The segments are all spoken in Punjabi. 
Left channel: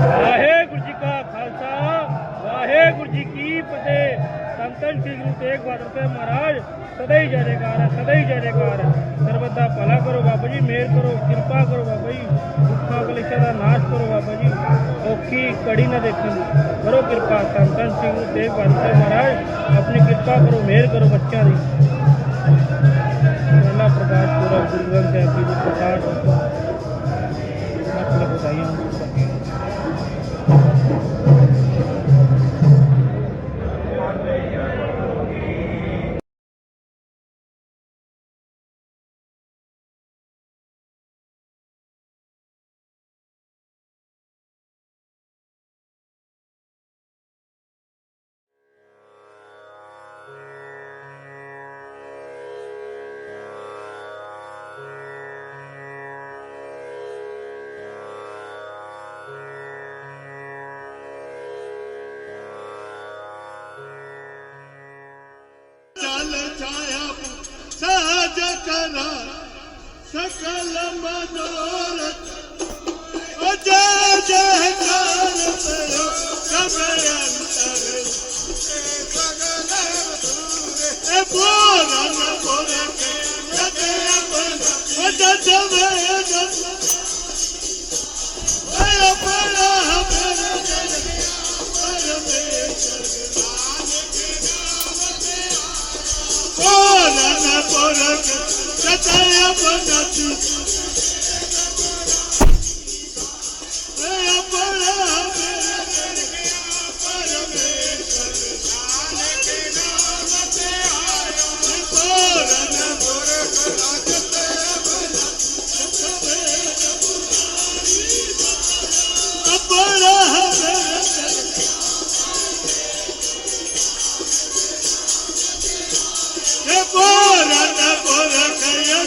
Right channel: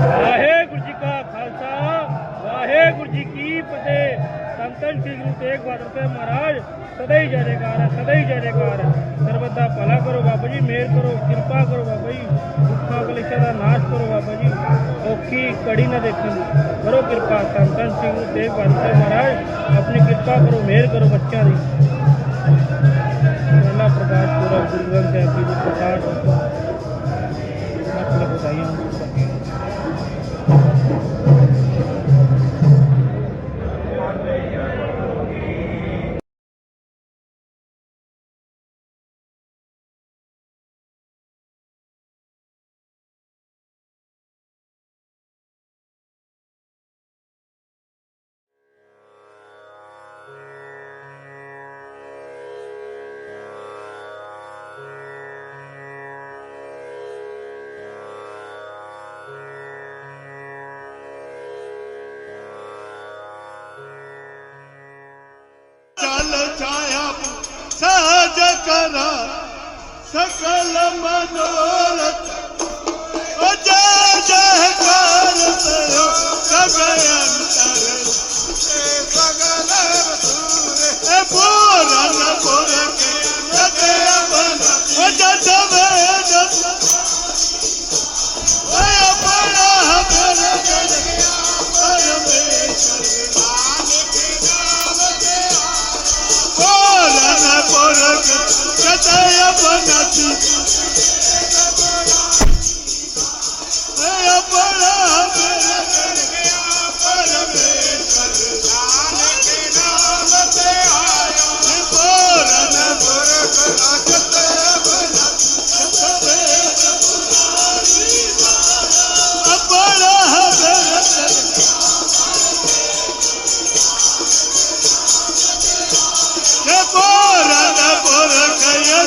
ਵਾਹਿਗੁਰੂ ਜੀ ਕਾ ਖਾਲਸਾ, ਵਾਹਿਗੁਰੂ ਜੀ ਕੀ ਫਤਿਹ। ਸੰਤਨ ਸ੍ਰੀ ਗੁਰੂ ਤੇਗ ਬਹਾਦਰ ਸਾਹਿਬ ਮਹਾਰਾਜ, ਸਦਾ ਹੀ ਜੈ ਜੈਕਾਰ ਹੈ, ਸਦਾ ਹੀ ਜੈ ਜੈਕਾਰ ਹੈ। ਸਰਬਤ ਦਾ ਭਲਾ ਕਰੋ ਬਾਬਾ ਜੀ ਮਿਹਰ ਕਰੋ, ਕਿਰਪਾ ਕਰੋ ਬਾਬਾ ਜੀ, ਦੁੱਖਾਂ ਕਲੇਸ਼ਾਂ ਦਾ ਨਾਸ਼ ਕਰੋ ਬਾਬਾ ਜੀ। ਔਖੀ ਕੜੀ ਨਾ ਦੇਖਣ ਦੀ ਕਰੋ ਕਿਰਪਾ। ਸੰਤਨ ਸ੍ਰੀ ਗੁਰੂ ਤੇਗ ਬਹਾਦਰ ਸਾਹਿਬ ਮਹਾਰਾਜ, ਆਪਣੀ ਕਿਰਪਾ ਕਰੋ ਮਿਹਰ ਕਰੋ ਬੱਚਿਆਂ ਦੀ। ਅੱਲਾ ਪ੍ਰਕਾਸ਼ ਪੂਰਾ ਗੁਰੂ ਗ੍ਰੰਥ ਸਾਹਿਬ ਜੀ ਦੇ ਪ੍ਰਕਾਸ਼। کرہ सकल मनोरथ जय جہ جہ کار توں کبیاں کر اے پھگل سوره اے بورن بورے لے کر بن او Okay.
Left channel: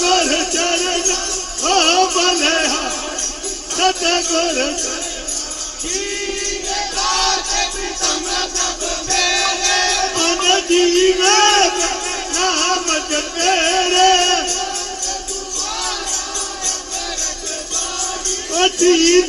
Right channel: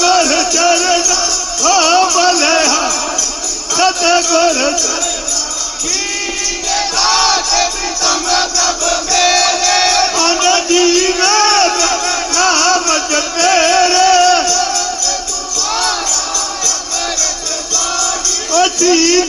સતગુર ચરણ હો ભલે સતગુર જીવે નામ જપે રે અચી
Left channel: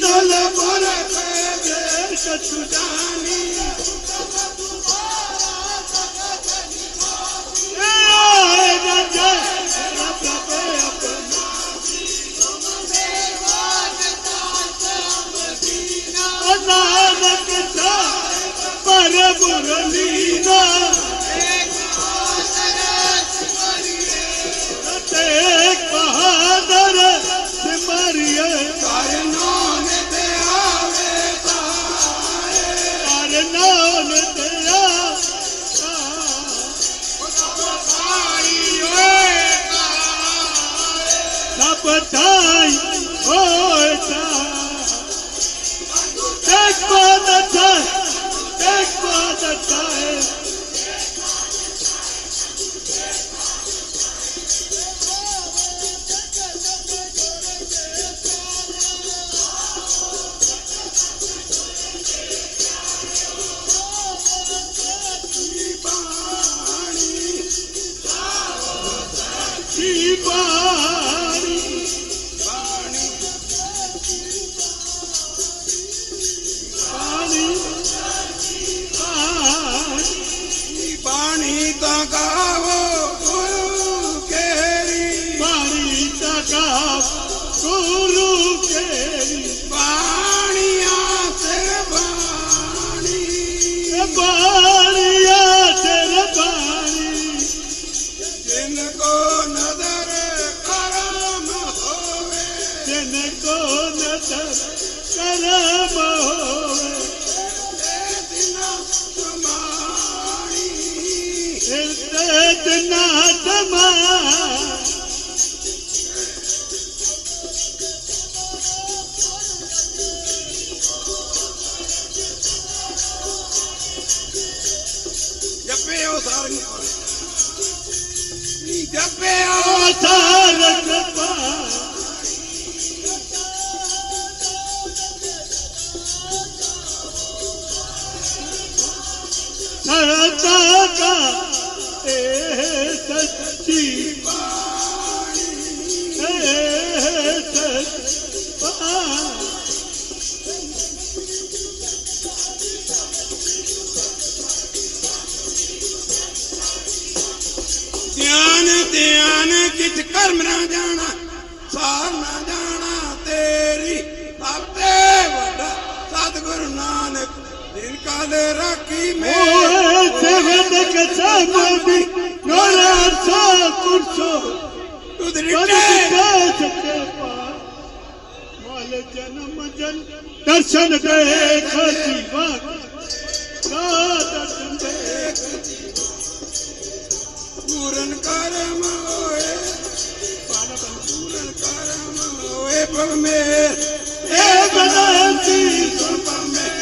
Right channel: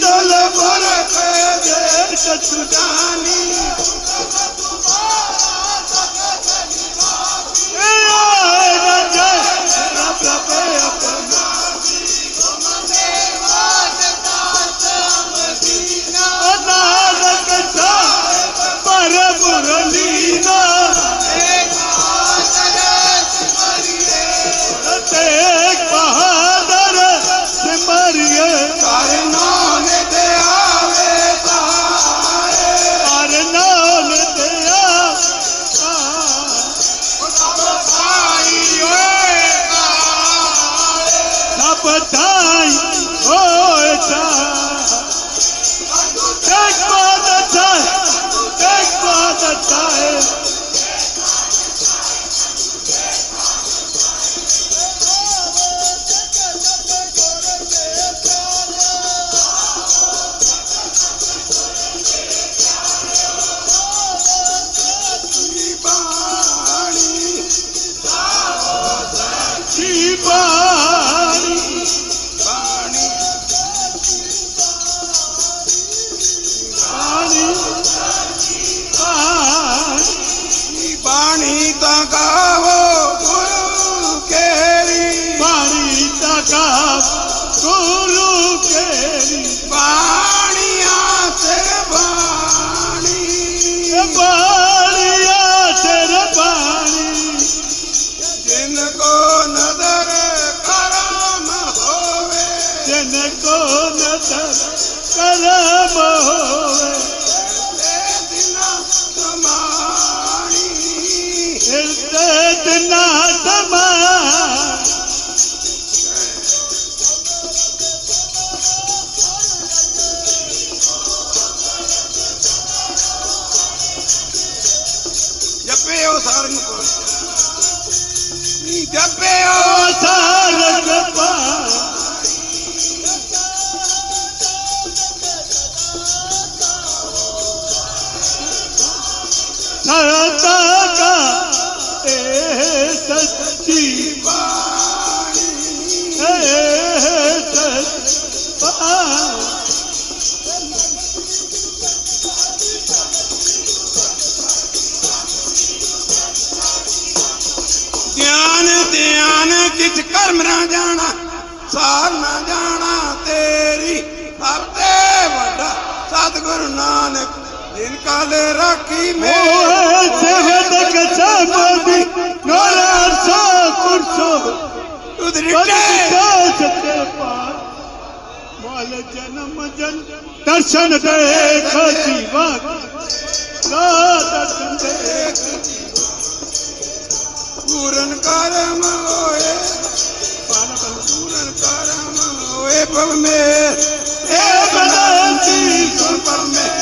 ਮੋਲ ਜਨਮ ਜਨ ਦਰਸ਼ਨ ਦੇ ਖਾਤੀ ਵਾਕ ਨਾ ਦਰਸ਼ਨ ਦੇ ਪੂਰਨ ਕਰਮ ਹੋਏ ਪੂਰਨ ਕਰਮ ਹੋਏ ਪਵ ਮੇਰ ਇਹ ਬੇਨਤੀ ਸੁਣ ਪਵ ਮੇਰੇ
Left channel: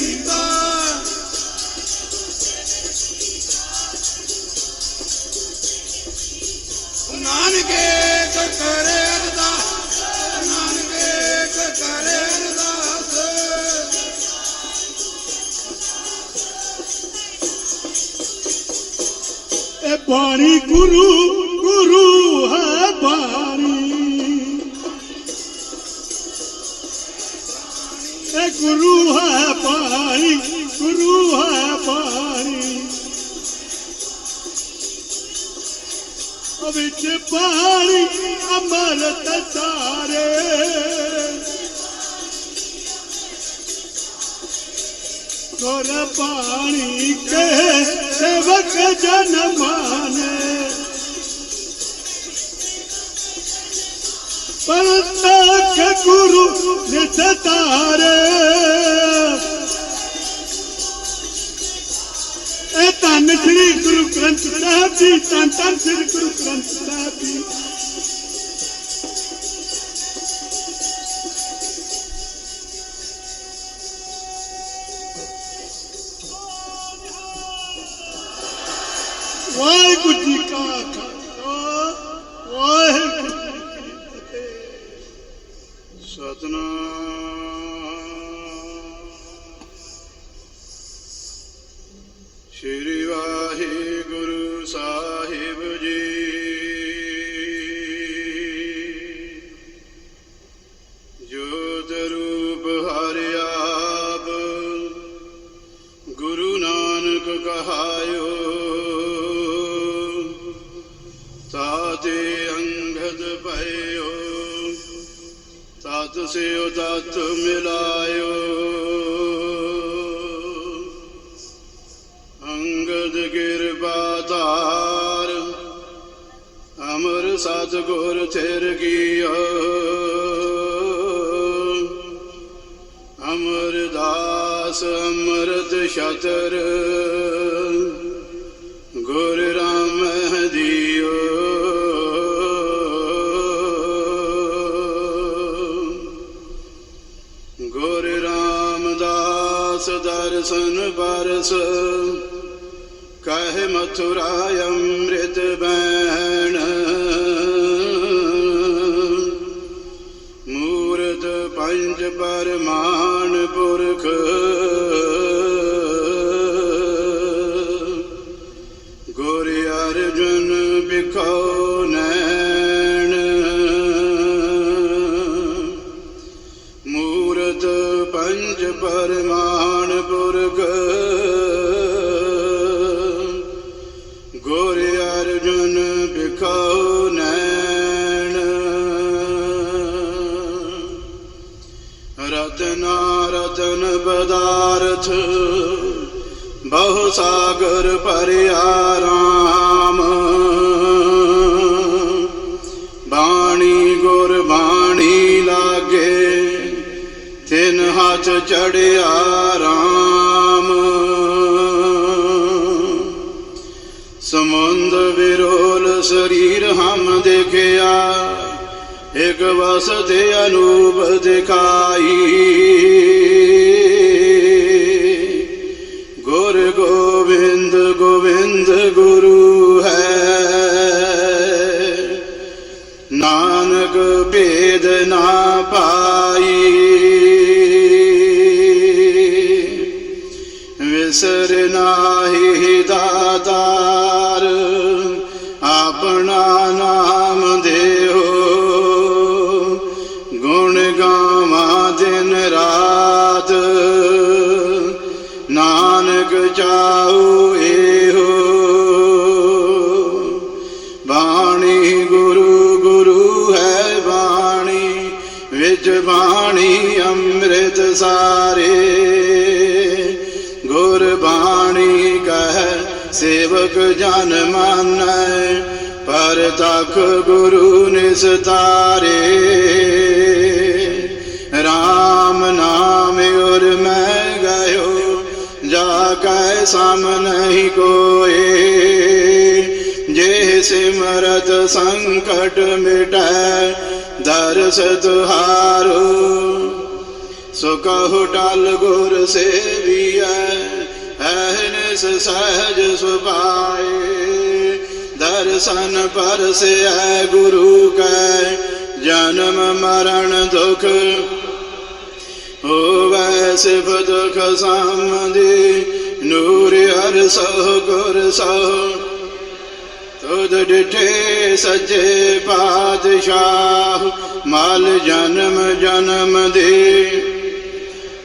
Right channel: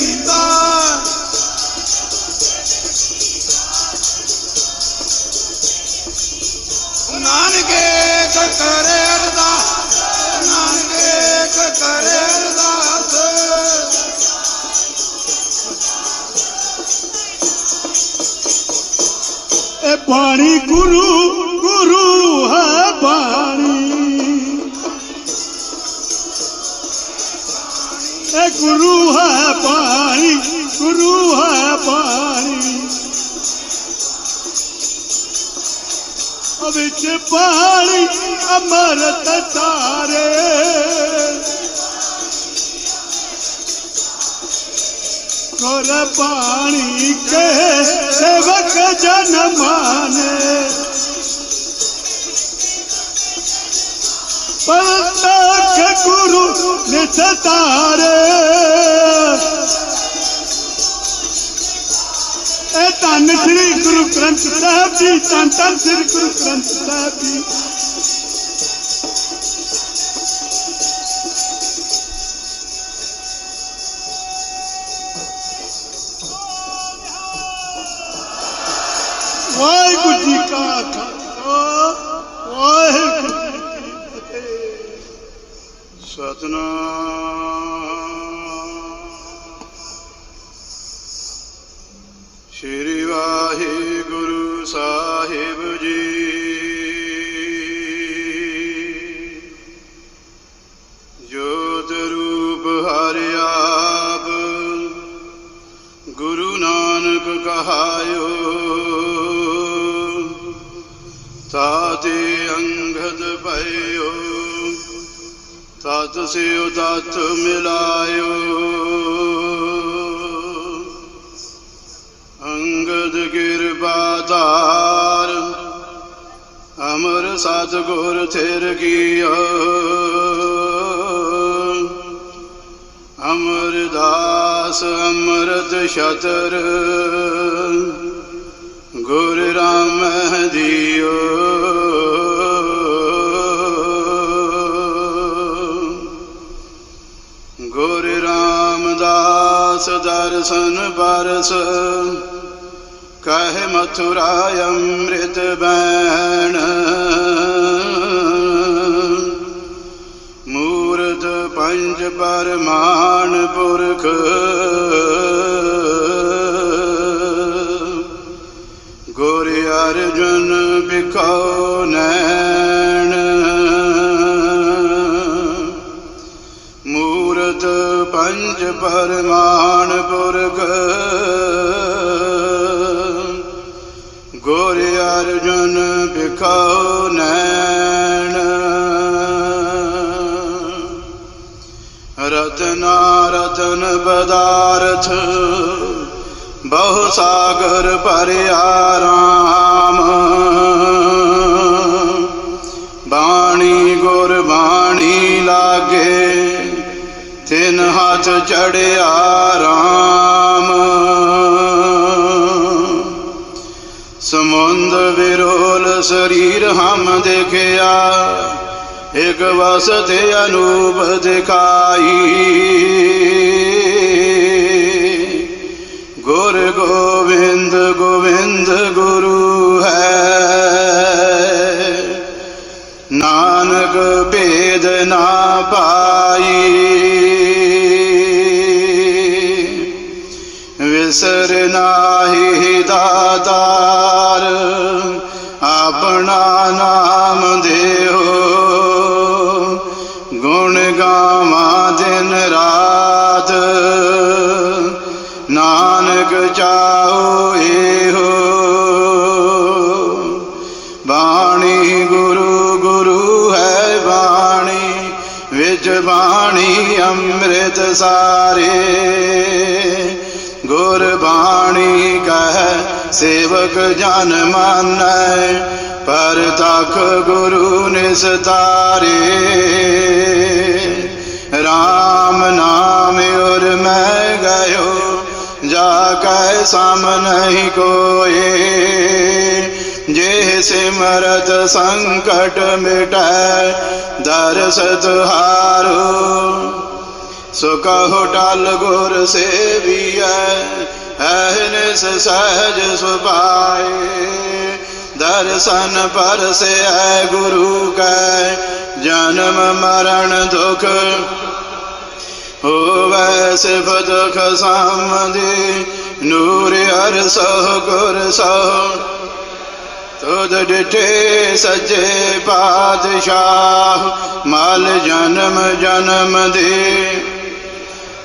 ਇਹ ਬਾਣੀ ਗੁਰੂ ਗੁਰੂ ਹੈ ਬਾਣੀ ਇਹ ਗੁਰੂ ਹੈ ਬਾਣੀ ਗੁਰੂ ਹੈ ਬਾਣੀ ਵਿੱਚ ਪਾਣੀ ਅਮਰਤ ਤਾਰੇ ਕਰ ਪਾਣੀ ਕੇ ਸੇਵਕ ਜਨ ਮਾਨੇ ਪਰਤਕ ਗੁਰੂ ਨਿਸਤਾਰੇ ਇਹ ਧੰਨ ਸ੍ਰੀ ਗੁਰੂ ਗ੍ਰੰਥ ਸਾਹਿਬ ਜੀ ਧੰਨ ਧੰਨ ਸ੍ਰੀ ਗੁਰੂ ਗ੍ਰੰਥ ਸਾਹਿਬ ਜੀ ਨਾਨਕ ਕਹਾਇਓ ਅੰਗਦ ਭਇਓ ਤਤ ਸਿਉ ਤਤ ਮਿਲਾਇਓ ਅੰਗਦ ਕਿਰਪਾ ਧਾਰ ਅਮਰ ਸਤ ਗੁਰ ਥਿਰ ਕੀਓ ਅਮਰਦਾਸ ਅੰਮ੍ਰਿਤ ਛਤਰ ਰਾਮਦਾਸ ਦਰਸ਼ਨ ਪਰਸ ਕਹੇ ਮਥੁਰਾ ਅੰਮ੍ਰਿਤ ਅਰਜੁਨ ਬਿਖਾਉ ਨੈਣ। ਰਤਨਾ ਰਤਨ ਬਦਾਰਥ ਬਹੁ ਸਾਗਰ ਭਰਿਆ ਰਾਮ। ਬਾਣੀ ਗੁਰ ਬਾਣੀ ਲਾਗੇ, ਤਿਨ ਹੱਥ ਚੜਿਆ वसते अनुपदे ਵਿੱਚ ਬਾਣੀ ਅੰਮ੍ਰਿਤ ਸਾਰੇ। ਗੁਰ ਬਾਣੀ ਕਹੈ, ਸੇਵਕ ਜਨ ਮਾਨੈ, ਪਰ ਤਖ ਗੁਰੂ ਨਿਸਤਾਰੇ RAM ਨਾਮ ਉਰ ਮੈਂ ਗਇਓ, ਜਾ ਕੈ ਸਮ ਨਹੀਂ ਕੋਏ। ਜੇ ਸਿਮਰਤ ਸੰਕਟ ਮਿਟੈ ਦਰਸ ਤੁਹਾਰੋ ਸੋ ਕਹੋ ਟਲ ਗੁਰ ਸੇਵੀਐ ਐਨਸ ਸਹਜ ਸੁਭਾਏ ਦਰਸ਼ਨ ਪਰਸੈ ਗੁਰੂ ਕੈ, ਜਨਮ ਮਰਨ ਦੁਖ ਹੋਵੈ ਸਿਫ ਦੁਖ ਸਾਮਦੀ ਨੂਰ ਅਰ ਸਹ ਗੁਰ ਸਹ ਤੁਧ ਡਿਠੇ ਸਜੇ ਪਾਤਸ਼ਾਹ, ਮਲ ਜਨਮ ਜਨਮ ਦੇ।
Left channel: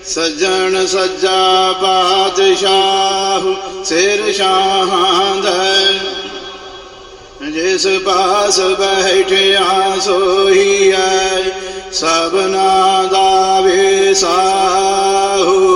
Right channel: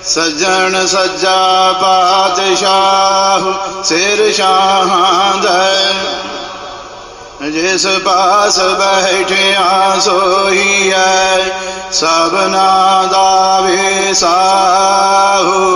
ਸਜਣ ਸੱਜਾ ਪਾਤਸ਼ਾਹ, ਸਿਰ ਸ਼ਾਹਾਂ ਦਾ। ਜਿਸ ਪਾਸ ਬੈਠਿਆ ਸੋਈ ਐ, ਸਭਨਾ ਦਾ ਵਿਸਾਹੂ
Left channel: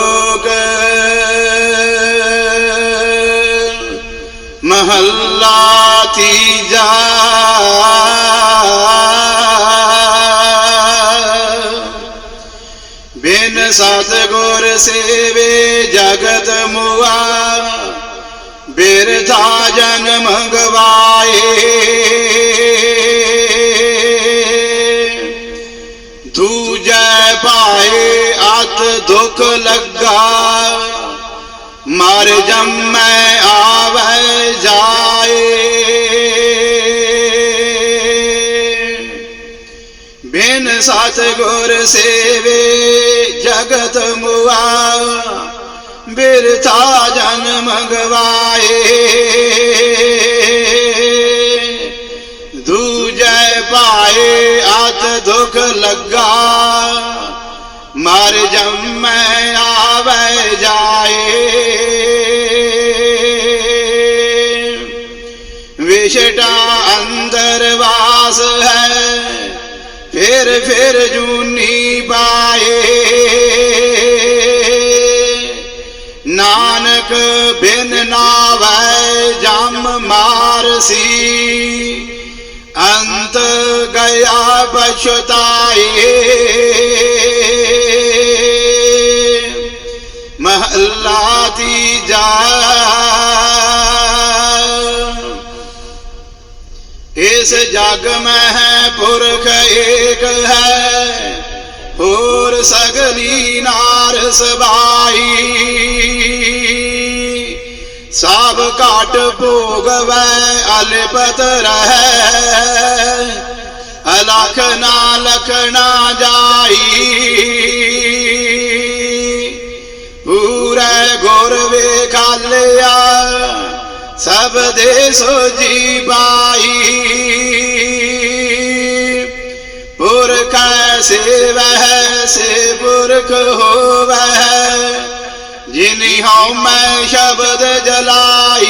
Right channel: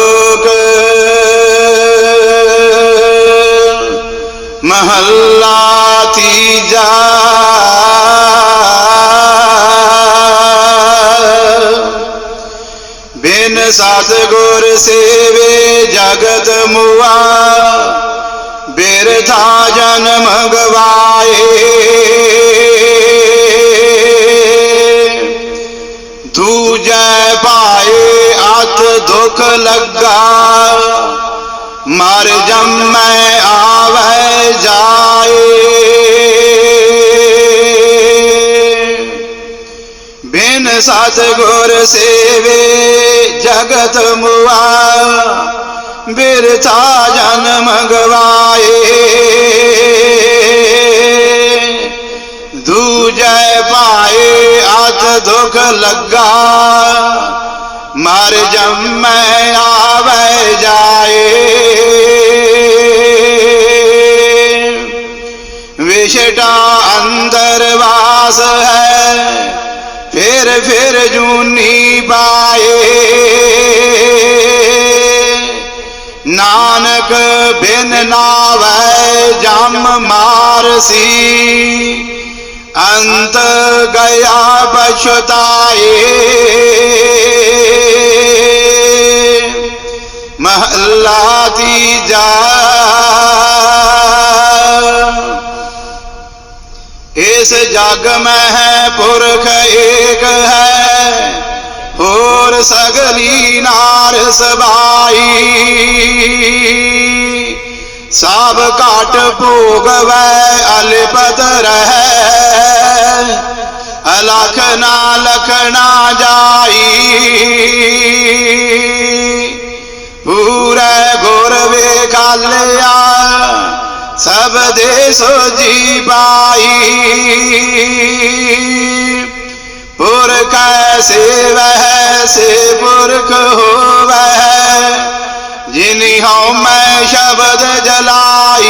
ਬਿਨ ਸਤਗੁਰ ਸੇਵੇ ਜਗਤ ਮੁਆ ਬਿਰਥਾ ਜਨਮ ਗਵਾਏ ਦੂਜੈ ਪਾਏ ਅਤ ਦੁਖ ਲੱਗਾ ਮਰ ਜੰਮੈ ਆਵੈ ਜਾਏ ਵਿਸ਼ਟਾ ਅੰਦਰ ਵਾਸ ਹੈ ਫਿਰ ਫਿਰ ਜੂਨੀ ਪਾਏ ਨਾਨਕ ਬਿਨ ਨਾਵੈ ਜਮ ਮਾਰਸੀ ਅੰਤ ਗਿਆ ਬਛਤਾਏ। ਇਸ ਜਗ ਮੈਂ ਪੁਰਖ ਏਕ ਹੈ, ਹੋਰ ਸਗਲੀ ਨਾਰ ਸਬਾਈ। ਸਭ ਘਟ ਭੋਗਵੈ, ਅਲਿਪਤ ਰਹਿ। ਅਲਖ ਨਾ ਲਖਣਾ ਜਾਈ। ਪੂਰੇ ਗੁਰ ਵੇਖਾਲਿਆ ਸਭ ਦੇ ਸੋਜੀ ਪਾਈ ਪੁਰਖ ਸੇਵਹਿ ਸੇ ਪੁਰਖ ਹੋਵੈ ਜਿਨੀ ਹਉ ਮੈਂ ਸ਼ਬਦ ਜਲਾਈ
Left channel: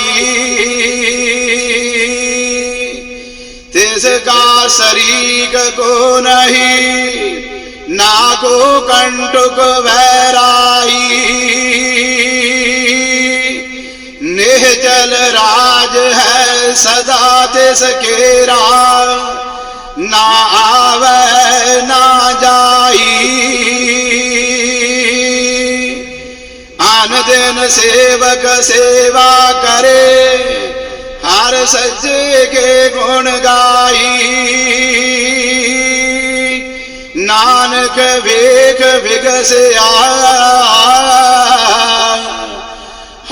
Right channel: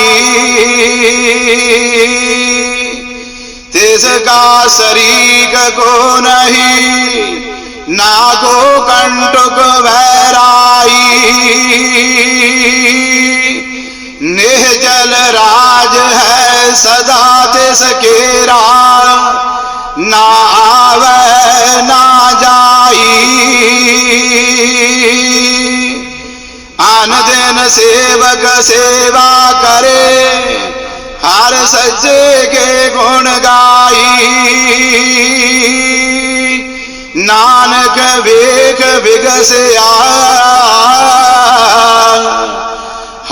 ਤਿਸ ਕਾ ਸਰੀਕ ਕੋ ਨਹੀਂ ਨਾ ਕੋ ਕੰਟਕ ਵੈਰਾਈ ਨਿਹਜਲ ਰਾਜ ਹੈ ਸਦਾ ਤਿਸ ਕੇਰਾ ਨਾ ਆਵੇ ਨਾ ਜਾਈ ਆਨ ਦਿਨ ਸੇਵਕ ਸੇਵਾ ਕਰੇ ਹਰ ਸੱਜੇ ਕੇ ਗੁਣ ਗਾਈ ਨਾਨਕ ਵੇਖ ਵਿਗਸਿਆ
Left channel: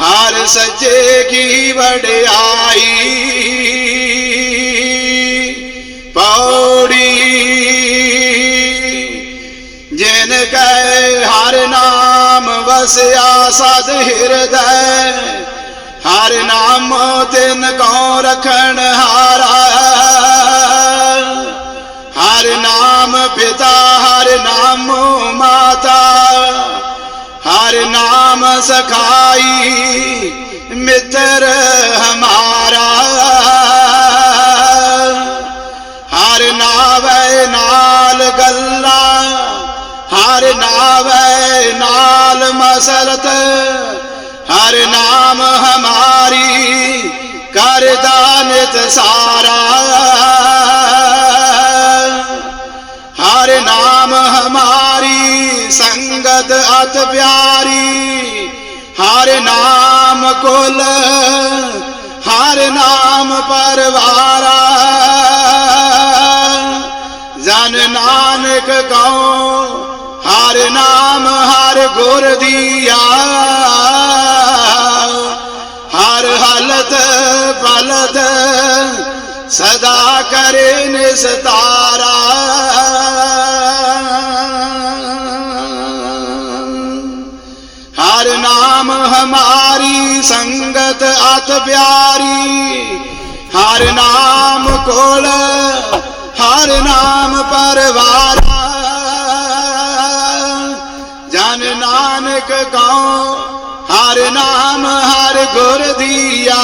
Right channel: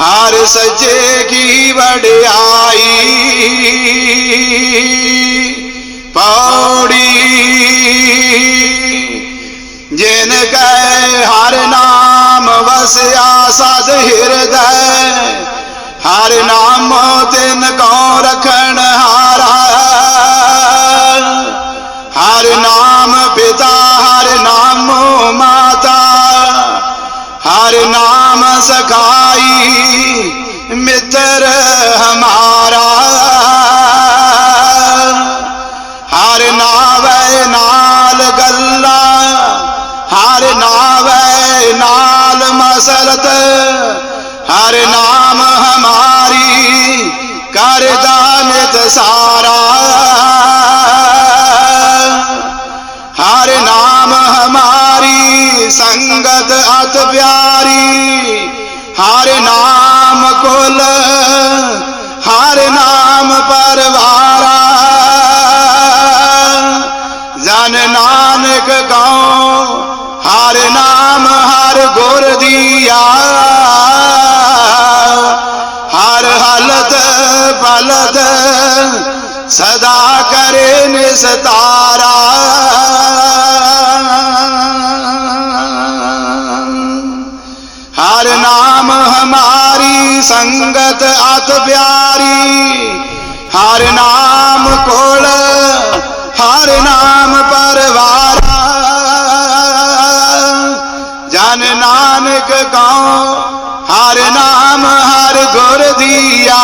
ਹਰ ਸੱਜੇ ਕੀ ਵਡਿਆਈ। ਪੌੜੀ ਜਿਨ ਕੈ ਹਰ ਨਾਮ ਵਸਿਆ ਸਦ ਹਿਰਦੈ, ਹਰ ਨਾਮ ਤਿਨ ਕਉ ਰਖਣ ਹਾਰਾ। ਹਰ ਨਾਮ ਪਿਤਾ, ਹਰ ਨਾਮ ਮਾਤਾ ਹਰ ਨਾਮ ਸਖਾਈ, ਮਿੱਤਰ ਹਮਾਰਾ। ਹਰ ਨਾਵੇ ਨਾਲ ਗੱਲਾਂ, ਹਰ ਨਾਵੇ ਨਾਲ ਮਸਲਤ, ਹਰ ਨਾਮ ਹਮਾਰੀ ਕਰਦਾ ਨਿਤ ਸਾਰਾ। ਸੰਗਤ ਅਤ ਪਿਆਰੀ, ਹਰ ਨਾਮ ਕੁਲ, ਹਰ ਨਾਮ ਪਰਵਾਰਾ। ਜਨ ਨਾਨਕ ਗਉ, ਹਰ ਨਾਮ ਹਰ ਗੁਰ ਦੀਆ। ਹਰ ਹਲਤ ਬਲਦ ਸਦਾ ਕਰੇ ਨਿਸਤਾਰਾ। ਨਾਮ ਹਮਾਰੀ ਸੰਗਤ ਅਤ ਪਿਆਰੀ। ਹਰ ਨਾਮ ਕੋਲ, ਹਰ ਨਾਮ ਪਰਵਾਰਾ। ਜਨ ਨਾਨਕ ਕਉ ਹਰ ਨਾਮ ਹਰ ਗੁਰ ਦੀਆ।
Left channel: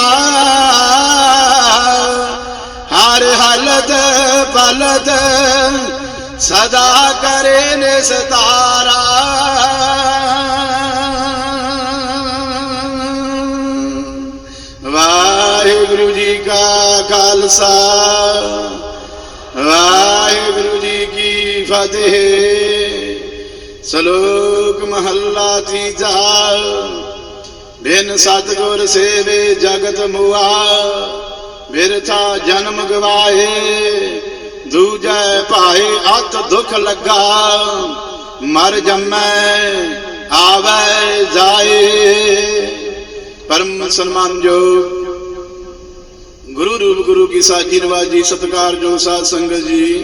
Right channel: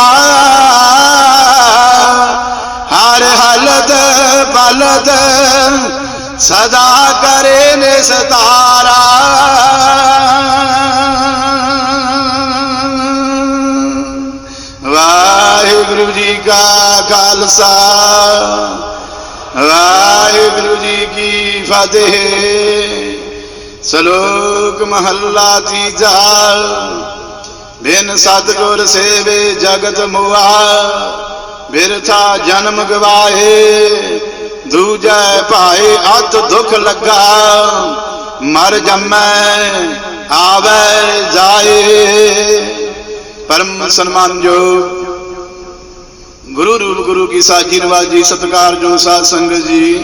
ਹਰ ਹਲਤ ਬਲਦ ਸਦਾ ਕਰੇ ਨਿਸਤਾਰਾ। ਖਾਲਸਾ ਵਾਹਿਗੁਰੂ ਜੀ ਕੀ ਫਤਿਹ। ਸ਼ਲੋਕ ਮਹੱਲਾ ਤੀਜਾ। ਬਿਨ ਸਤਿਗੁਰ ਸੇਵੇ ਜਗਤ ਮੁਆ। ਬਿਰਥਾ ਜਨਮ ਗਵਾਏ। ਦੂਜੈ ਭਾਏ ਅਤ ਦੁਖ ਲੱਗਾ। ਮਰ ਜੰਮੈ, ਆਵੇ, ਜਾਏ। ਪਰਮ ਸਨਮਾਨਯੋਗ ਗੁਰੂ ਰੂਪ ਗੁਰੂ ਕੀ ਸਾਜੀ ਨਵਾਜੀ ਸਤਿਕਾਰਯੋਗ ਸਾਧ ਸੰਗਤ ਜੀ।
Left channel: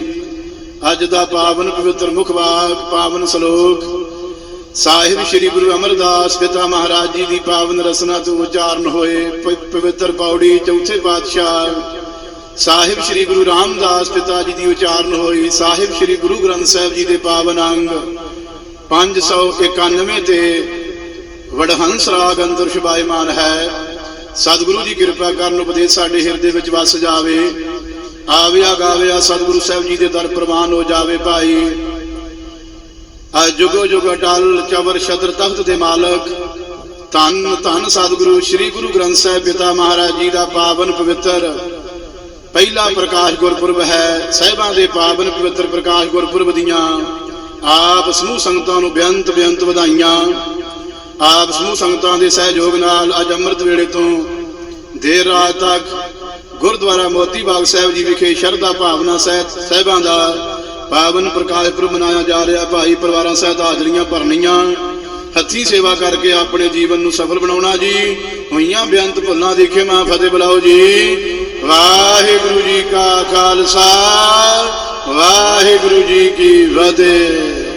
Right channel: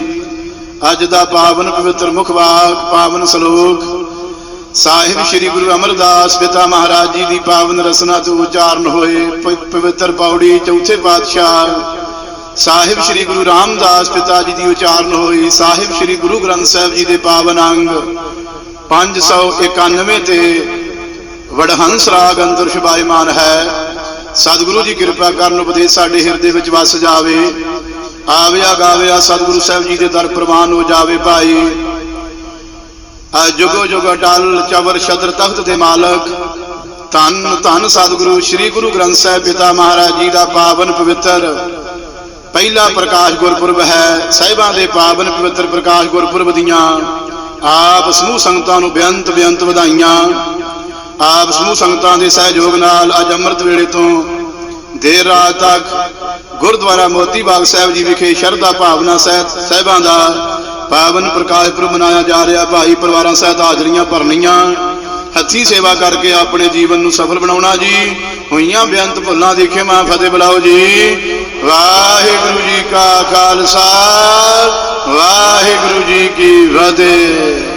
ਅੱਜ ਦਾ ਪਾਵਨ ਪਵਿੱਤਰ ਮੁਖ ਵਾਕ ਪਾਵਨ ਸ਼ਲੋਕ ਸਾਹਿਬ ਸ੍ਰੀ ਗੁਰੂ ਅਮਰਦਾਸ ਪਿਤਾ ਮਹਾਰਾਜ ਜੀ ਦੀ ਪਾਵਨ ਰਸਨਾ ਤੋਂ ਉਚਾਰਨ ਹੋਏ ਪ- ਪਵਿੱਤਰ ਪੌੜੀ ਚੌਥੇ ਪਾਤਸ਼ਾਹ ਸਾਹਿਬ ਸ੍ਰੀ ਗੁਰੂ ਰਾਮਦਾਸ ਪਿਤਾ ਜੀ ਦੀ ਉਚਾਰਨ ਹੋਈ। ਸਾਹਿਬ ਸ੍ਰੀ ਗੁਰੂ ਗ੍ਰੰਥ ਸਾਹਿਬ ਜੀ ਦੇ ਪਾਵਨ ਅੰਗ 591 ਤੇ ਵਡਹੰਸ ਰਾਗ ਅੰਦਰ ਸ਼ਬਾਇਮਾਨ ਹੈ। ਸਤਿਗੁਰੂ ਜੀ ਕਿਰਪਾ ਕਰਨ ਉਪਦੇਸ਼ ਸਾਡੇ ਹਿਰਦੇ ਵਿੱਚ ਵਸ ਜਾਵੇ। ਆਵਿਆ ਗਾਵਿਆ ਸਤਿਗੁਰੂ ਸਾਹਿਬ ਜੀ ਦੇ ਦਰ ਪ੍ਰਵਾਨ ਹੋ ਜਾਵੇ ਭਾਈ। ਆ ਜੁਗੋ ਜੁਗ ਅਟਲ ਚਵਰ ਛਤਰ ਤਖਤ ਦੇ ਮਾਲਕ। ਧੰਨ ਧੰਨ ਸਤਿਗੁਰੂ, ਸ੍ਰੀ ਗੁਰੂ ਗ੍ਰੰਥ ਸਾਹਿਬ ਪਿਤਾ ਮਹਾਰਾਜ ਜੀ ਦਾ ਪਾਵਨ ਪਵਿੱਤਰ। ਪਹਿਲਾ ਪ੍ਰਕਾਸ਼ ਗੁਰਪੁਰਬ ਹੈ, ਸਾਹਿਬਾਂ ਦੇ ਪਾਵਨ ਪਵਿੱਤਰ ਪ੍ਰਕਾਸ਼ ਗੁਰਪੁਰਬ ਦੀਆਂ। ਆਪ ਸਮੂਹ ਸੰਗਤਾਂ ਨੂੰ ਬੇਅੰਤ ਬੇਅੰਤ ਵਧਾਈਆਂ। ਆਪ ਸਮੂਹ ਸੰਗਤਾਂ ਦੇ ਸਹਿਯੋਗ ਨਾਲ ਅੱਜ ਅੰਮ੍ਰਿਤ ਵੇਲੇ ਤੋਂ ਦੇਰ ਰਾਤ ਤੱਕ ਗੁਰਦੁਆਰਾ ਮੋਤੀ ਬਾਗ ਸਾਹਿਬ ਜੀ ਵਿਖੇ ਸ਼ਰਧਾ ਭਾਵਨਾ ਸਹਿਤ ਸਹਿਬਾਂ ਦਾ ਪਾਵਨ ਪ੍ਰਕਾਸ਼ ਪੁਰਬ ਮਨਾਇਆ ਜਾ ਰਿਹਾ। ਭਾਈ ਪਰਿਵਾਰਾਂ ਸਹਿਤ ਹਾਜ਼ਰੀਆਂ ਭਰਨੀਆਂ। ਹੱਥੀ ਸੇਵਾ ਕਰਕੇ ਆਪਣੇ ਜੀਵਨ ਨੂੰ ਸਫਲ ਬਣਾਉਣਾ ਜੀ। ਹੋਈਆਂ ਬੇਅੰਤ ਭੁੱਲਾਂ ਦੀ ਖਿਮਾ ਫਤਿਹ ਬੁਲਾਓ ਜੀ। ਵਾਹਿਗੁਰੂ ਜੀ ਕਾ ਖਾਲਸਾ, ਵਾਹਿਗੁਰੂ ਜੀ ਕੀ ਫਤਿਹ।